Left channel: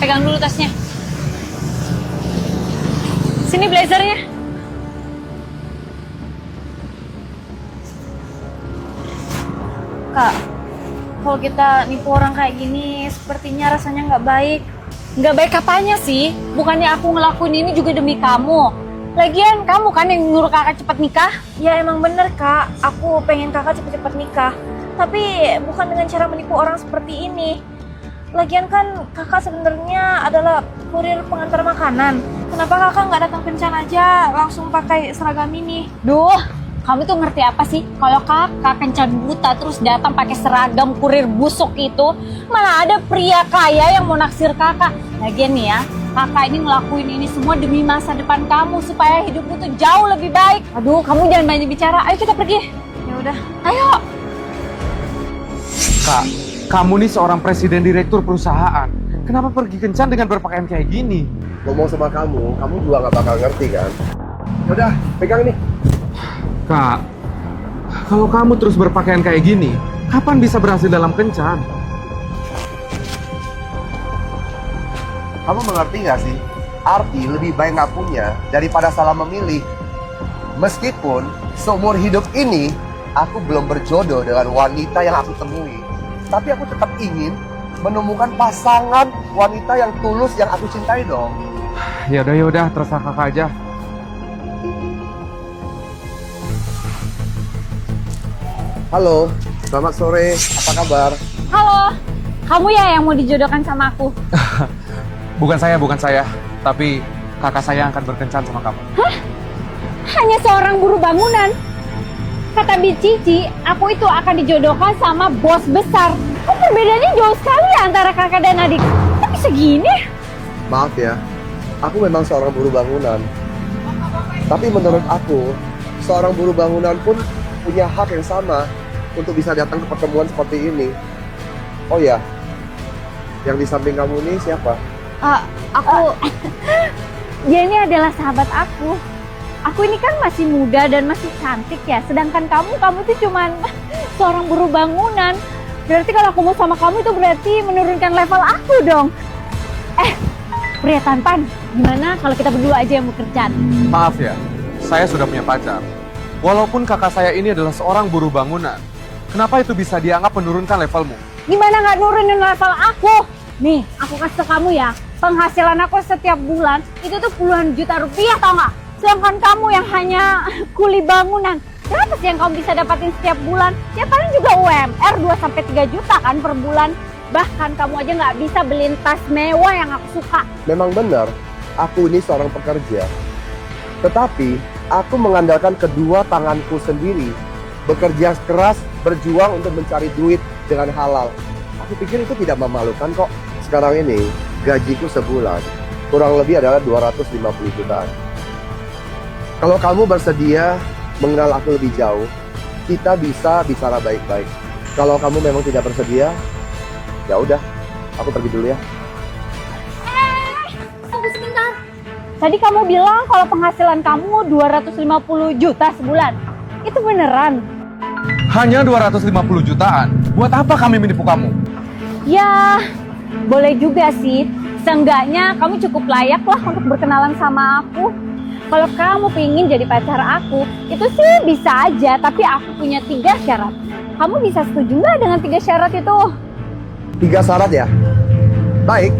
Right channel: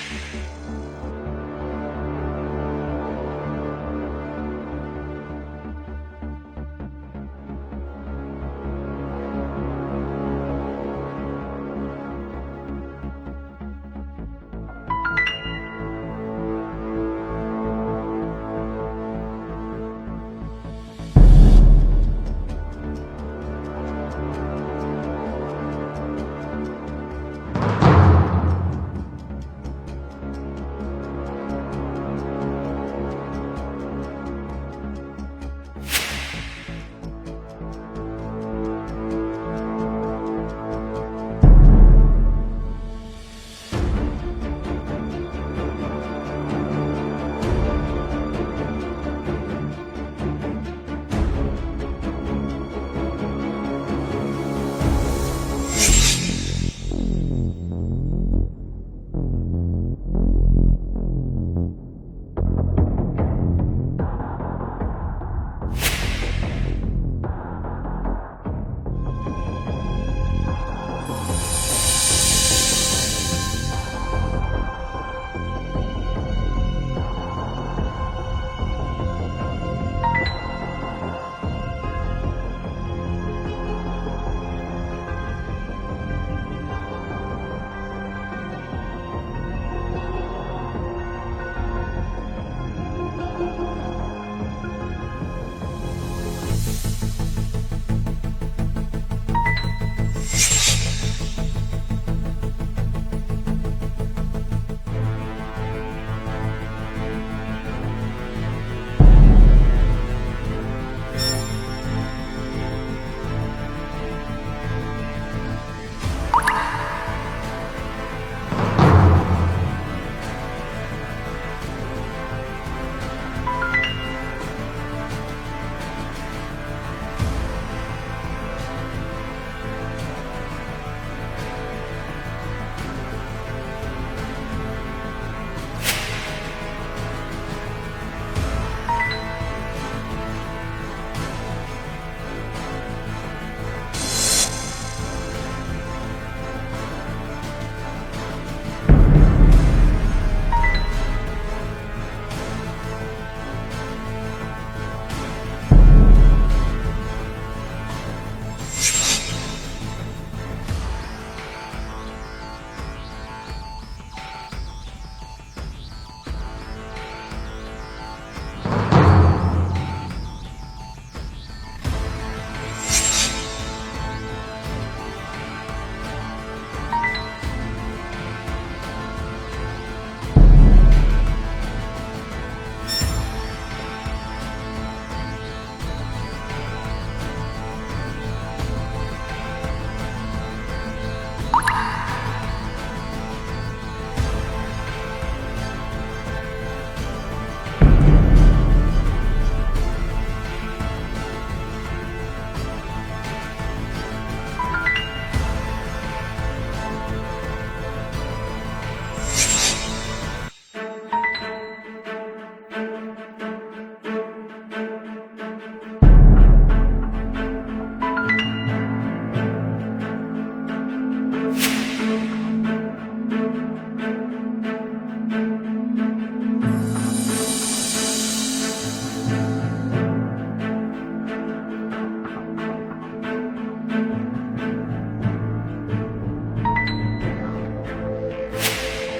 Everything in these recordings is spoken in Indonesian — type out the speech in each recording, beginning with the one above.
pegang dulu tasnya. Sini blazernya. Kak, kalau kita nipu orang kayak gini, sepertinya rasanya nggak baik. Nggak baik apanya sih? Bukannya aku ngelakuin ini juga demi kamu. Lagian kamu kan yang nyuruh kakak cepat nikah? Ya emang bener kak, aku pengen kakak cepet-cepet nikah. Tapi bukan dengan cara menipu orang seperti ini. Lagian kan kakak sebenarnya adalah kurir pengantar makanan. Kenapa kakak nggak datang kencan aja langsung pakai seragam ini? Duh, kamu tuh ngerti apa sih? Kalau kakak kencan buta terus datang pakai seragam kurir busuk itu, malah ada pria kaya yang mau naksir kakak. Lagian nih ya, kakak ini ngelakuin ini semua demi masa depan kamu supaya hidupmu tuh jauh lebih baik. Aduh, kamu jangan banyak bicara. Ayo kita pergi. Ya udah. Ayo. Kak, kamu nih seorang presiden direktur perusahaan. Kenapa pergi kencan dengan berpakaian kayak gini? Ngomong sama kamu juga nggak bakal ngerti kan? Udah, pegang nih. Kak, kalau kamu terus berpakaian kayak gini, kapan bisa berhasil dalam kencan? Kamu mengerti nggak sih? Arti lebih baik nggak punya daripada salah memilih. Meskipun seumur hidup ini aku belum berjodoh dengan wanita yang aku temui, tapi aku tetap ingin menemukan pasangan wanita yang tulus yang aku cintai dong. Ya udah, terserah kakak aja. Halo, selamat sore. Apa kabar? Halo. Kamu ya yang mau dijodohkan sama aku? Bukan saya. Tapi kakak saya akan berkencan sama kamu. Hah? Hanya seorang buruh bangunan? Kata Cici, aku itu akan dijodohkan sama bos besar. Kan perbedaannya jauh sekali antara kakak dan adik. Tapi segini? Maaf ya, aku memang seorang buruh bangunan. Tapi menurut aku, seorang buruh bangunan pun punya hak yang sama untuk bisa datang ke pertemuan seperti ini. Oh ya, yang di samping kamu ini siapa? Dia ini adalah sahabat aku. Aku ini kan masih muda dan masih cantik ya. Sedangkan kamu tuh cuman seorang buruh bangunan. Berarti kalau aku mau sama kamu itu berarti menurunkan level aku dong. Pria tampan, gimana kalau kita berdua aja yang bekerja? Maaf ya, saya sudah punya pacar. Walaupun kakak saya ini adalah seorang buruh bangunan, kenapa itu bisa dianggap menurunkan levelmu? Gimana nggak nurunin level aku? Nih, aku kasih ke kamu ya. Penghasilan aku setiap bulan itu tuh puluhan juta rupiah, tau nggak? Sedangkan kamu yang hanya kuli bangunan. Berapa sih yang kamu bisa dapatin setiap bulan? Ya paling juga UMR 2-3 juta kan per bulan. Bahkan kamu aja nggak bisa beliin tas mewah yang aku suka. Memang benar, aku ini seorang pekerja. Tetapi, aku mengandalkan kedua tanganku sendiri. Bekerja keras, berjuang untuk mencari duit dengan halal. Aku pikir itu tidak memalukan kok. Sekarang ini, gajiku sebulan kurang lebih adalah 250 juta. Kalau kamu bersedia mengenal aku lebih jauh, kita bisa bicara baik-baik. Kalau kamu memang tidak bersedia, ya udah, aku pergi dulu ya. Tunggu sebentar. Tadi kamu bilang kalau penghasilan kamu 250 juta sebulan. Itu beneran? Hanya 250 jutaan? Buat apa kami menipu kamu? Ya, boleh juga sih. Seenggaknya kamu cukup layak lah untuk berkenalan sama aku. Kalau kamu pingin jadi pacar aku, itu sih bisa aja. Tapi aku punya 3 syarat. Kamu bisa setuju nggak dengan 3 syarat itu? 3 syarat ya? Baik.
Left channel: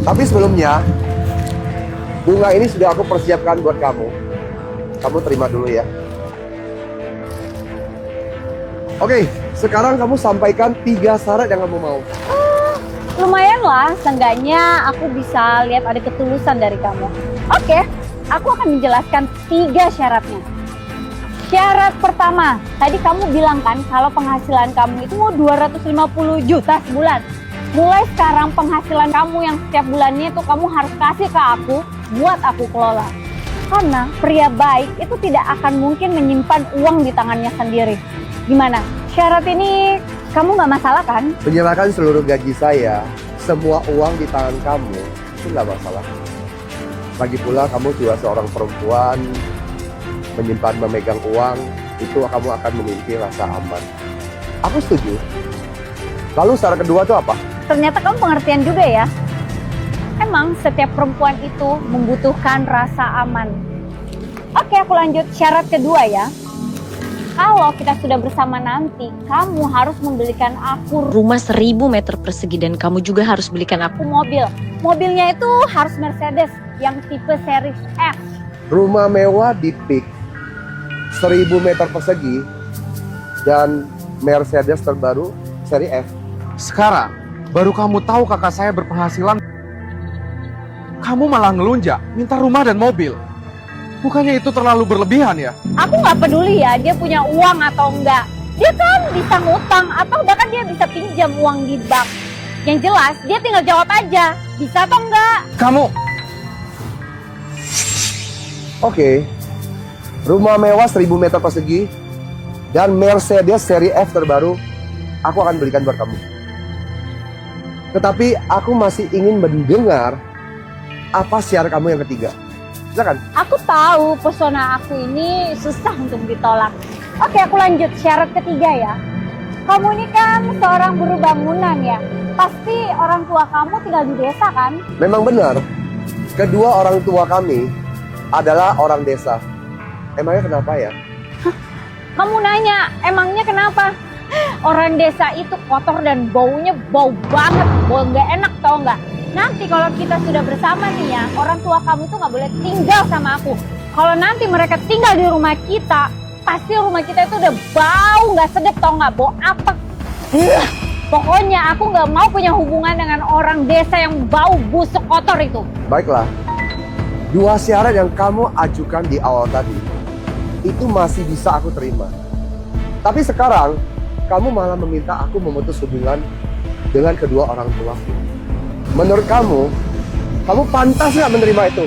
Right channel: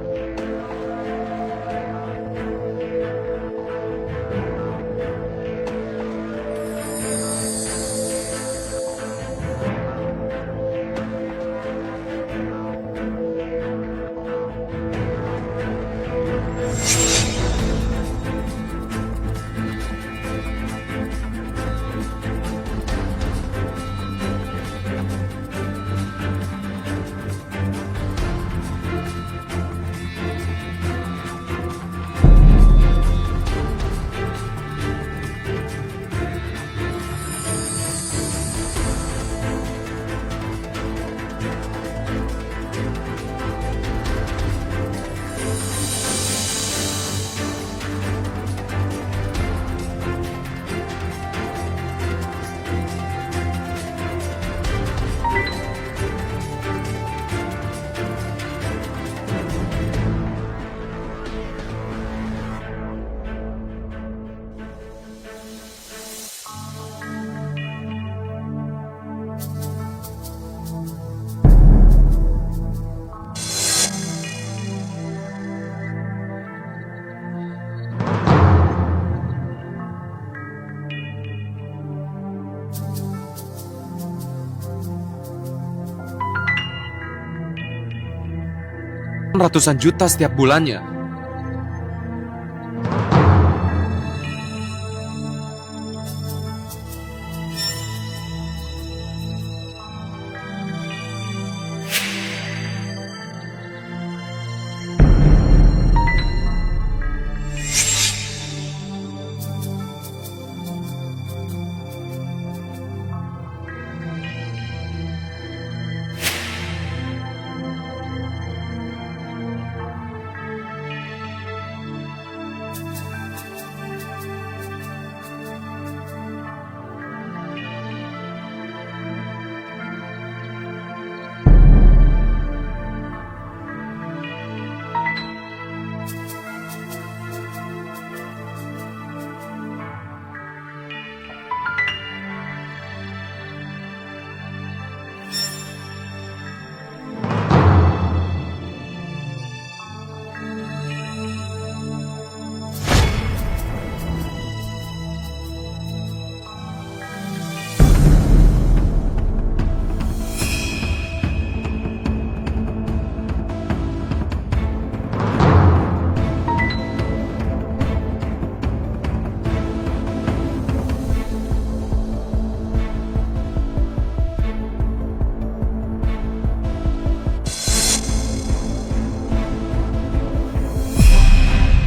Tapi sebelumnya, bunga ini sudah aku persiapkan buat kamu. Kamu terima dulu ya. Oke, sekarang kamu sampaikan 3 syarat yang kamu mau. Lumayan lah, seenggaknya aku bisa lihat ada ketulusan dari kamu. Oke, aku akan menjelaskan 3 syaratnya. Syarat pertama, tadi kamu bilang kan kalau penghasilan kamu itu mau 250 juta sebulan. Mulai sekarang penghasilan kamu yang setiap bulannya itu kamu harus kasih ke aku buat aku kelola. Karena pria baik itu tidak akan mungkin menyimpan uang di tangannya sendiri. Gimana? Syarat ini kamu nggak masalah kan? Menyerahkan seluruh gaji saya, semua uang di tangan kamu, itu nggak masalah. Lagi pula kamu juga seorang perempuan, menyimpan memegang uang, itu kamu akan memiliki rasa aman. Aku setuju. Lalu syarat kedua itu apa? Ternyata kamu pengertian juga ya. Emang setiap perempuan itu membutuhkan rasa aman. Oke, aku lanjut syarat kedua ya. Kalau kita sudah bersama nanti, kamu harus membelikan aku Rumah 1000 meter persegi dan kamu juga harus belikan aku mobil. Mobilnya itu harus Mercedes yang tipe seri F. Rumah mewah di PIK 1000 meter persegi dan Mercedes terbaru seri F. Sekarang, baru kamu tahu kakak saya berpenghasilan ratusan juta setiap bulannya. Kamu malah ngelunjak, minta rumah dan mobil. Bukannya itu terlalu berlebihan ya? Aku nggak peduli ya dia punya uang atau enggak. Dia kan bisa ngutang atau bahkan dia bisa pinjam uang di bank. Yang jelas dia tinggal jawab aja, bisa atau enggak. Kamu, Oke, rumah mewah 1000 meter persegi dan Mercedes seri F terbaru aku akan berikan buat kamu. Tetapi aku masih ingin mendengar apa syarat kamu yang ketiga. Silakan. Aku tahu pesona aku ini susah untuk ditolak. Oke, aku lanjut syarat ketiga ya. Kamu ini kan seorang buruh bangunan ya. Pasti orang tua kamu tinggal di desa kan? Memang benar, kedua orang tua kami adalah orang desa. Emangnya kenapa ya? Kamu nanya, emangnya kenapa? Orang desa itu kotor dan baunya bau banget, bau nggak enak tau nggak? Nanti kalau kita sudah bersama nih ya, orang tua kamu tuh nggak boleh tinggal sama aku. Kalau nanti mereka tinggal di rumah kita, pasti rumah kita itu udah bau nggak sedap tau nggak? Bau apa? Pokoknya aku nggak mau punya hubungan dengan orang desa yang bau busuk kotor itu. Baiklah, dua syarat yang kamu ajukan di awal tadi, itu masih bisa aku terima. Tapi sekarang, kamu malah meminta aku memutus hubungan dengan kedua orang tua. Menurut kamu pantas nggak menerima itu?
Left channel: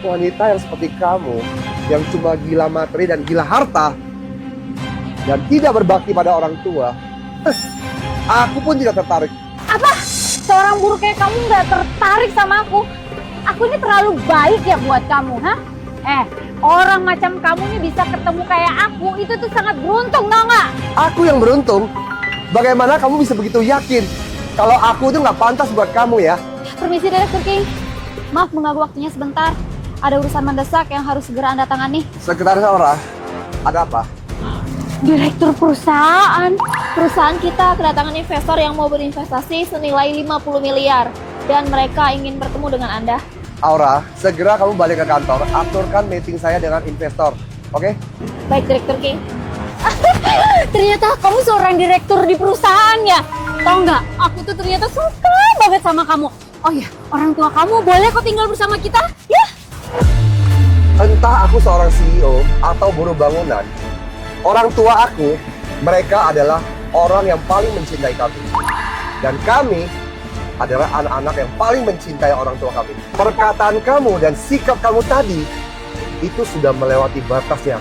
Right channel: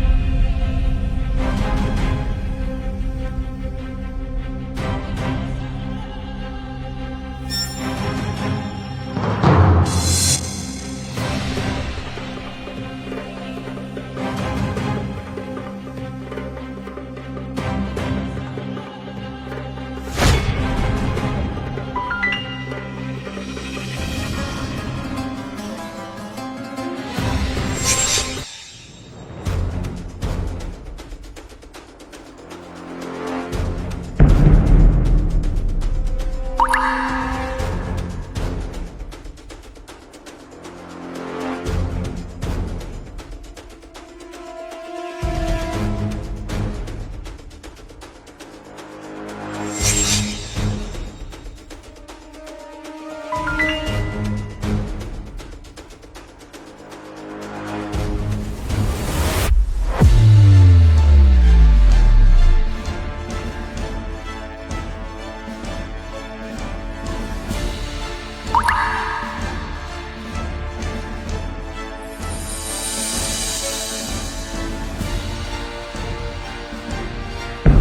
Wanita yang seperti kamu, yang cuma gila materi dan gila harta, dan tidak berbakti pada orang tua, aku pun tidak tertarik. Apa? Seorang buruh kayak kamu nggak tertarik sama aku? Aku ini terlalu baik ya buat kamu, ha? Orang macam kamu ini bisa ketemu kayak aku, itu tuh sangat beruntung, tau nggak? Aku yang beruntung? Bagaimana kamu bisa begitu yakin kalau aku tuh nggak pantas buat kamu ya? Permisi, Direktur King. Maaf mengganggu waktunya sebentar. Ada urusan mendesak yang harus segera Anda tangani. Sekretaris Aura, ada apa? Direktur perusahaan. Perusahaan kita kedatangan investor yang mau berinvestasi senilai 50 miliar. Dan mereka ingin bertemu dengan Anda. Aura, segera kamu balik ke kantor, aturkan meeting saya dengan investor, oke? Baik, Direktur King. Ternyata kamu seorang direktur di perusahaan ya. Tahu nggak? Aku tuh ternyata suka banget sama kamu. Oh ya, orang tua kamu boleh kok tinggal bersama kita? Ya. Entah aku seorang CEO atau buruh bangunan, orang tua aku, mereka adalah orang yang paling mencintai kami. Dan kami adalah anak-anak yang paling mencintai orang tua kamu. Perkataan kamu dan sikap kamu tadi, itu sudah melewati batasnya.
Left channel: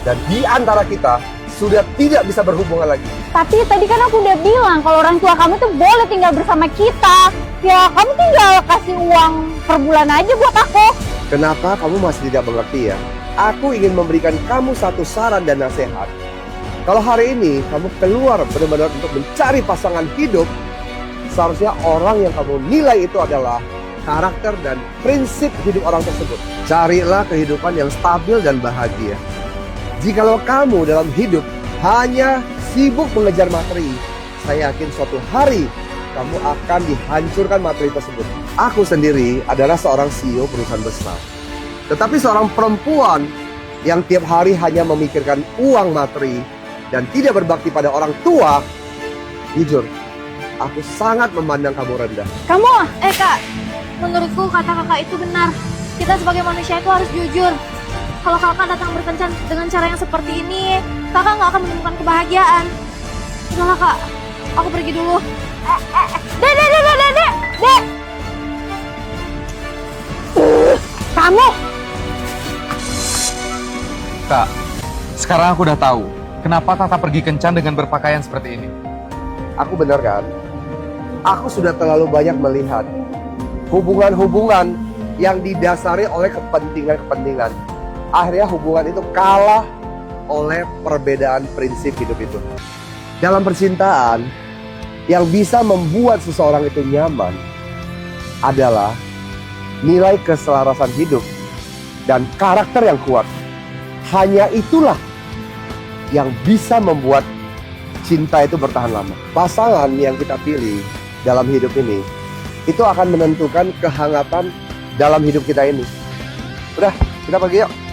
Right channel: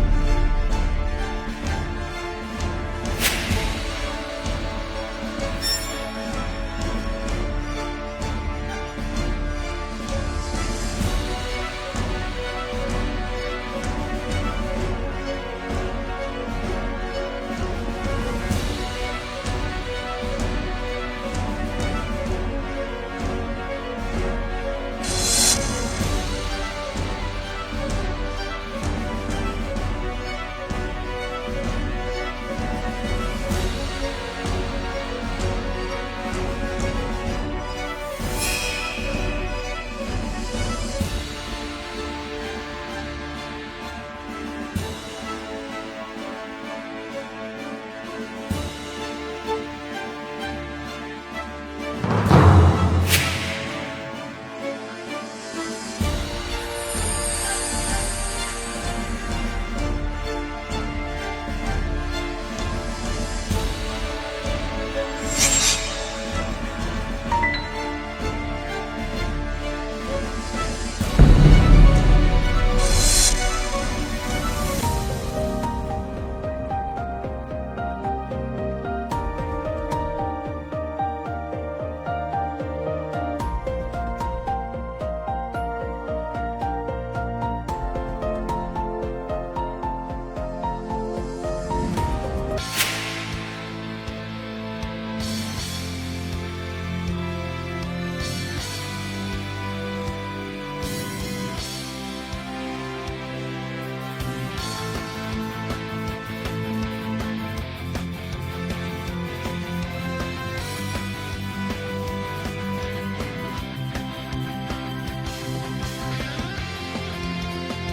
Dan di antara kita, sudah tidak bisa berhubungan lagi. Tapi tadi kan aku udah bilang kalau orang tua kamu tuh boleh tinggal bersama kita. Ya, kamu tinggal kasih uang per bulan aja buat aku. Kenapa kamu masih tidak mengerti ya? Aku ingin memberikan kamu satu saran dan nasihat. Kalau hari ini kamu keluar benar-benar untuk mencari pasangan hidup, seharusnya orang yang kamu nilai itu adalah karakter dan prinsip hidup orang tersebut. Carilah kehidupan yang stabil dan bahagia. Jikalau kamu dalam hidup hanya sibuk mengejar materi, saya yakin suatu hari kamu akan dihancurkan materi tersebut. Aku sendiri adalah seorang CEO perusahaan besar. Tetapi seorang perempuan yang tiap hari hanya memikirkan uang materi dan tidak berbakti pada orang tua, jujur, aku sangat memandang kamu rendah. Kamu, Kak, menurutku kata kakak itu benar. Kita sebagai manusia itu harus jujur. Kalau kakak datang berkencan dengan cara yang seperti ini, kakak nggak akan menemukan kebahagiaan. Udah kak, aku pergi dulu. Dek. Kamu. Kak, sekarang aku udah tahu kenapa Tata pergi kencan dengan berpakaian seperti ini. Aku benar kan? Aku sudah terlalu banyak melihat hubungan-hubungan yang didasari oleh kepentingan-kepentingan. Akhirnya hubungan itu kalah oleh perbedaan prinsip hidup itu. Dalam percintaan, Yang bisa membuat seseorang itu nyaman adalah nilai keselarasan hidup dan karakter yang kuat. Hanya itulah yang bisa membuat cinta itu bertahan lama. Pasangan yang kita pilih dalam hidup ini, itu akan menentukan kehangatan dalam hidup kita ini. Udah, kita pergi yuk.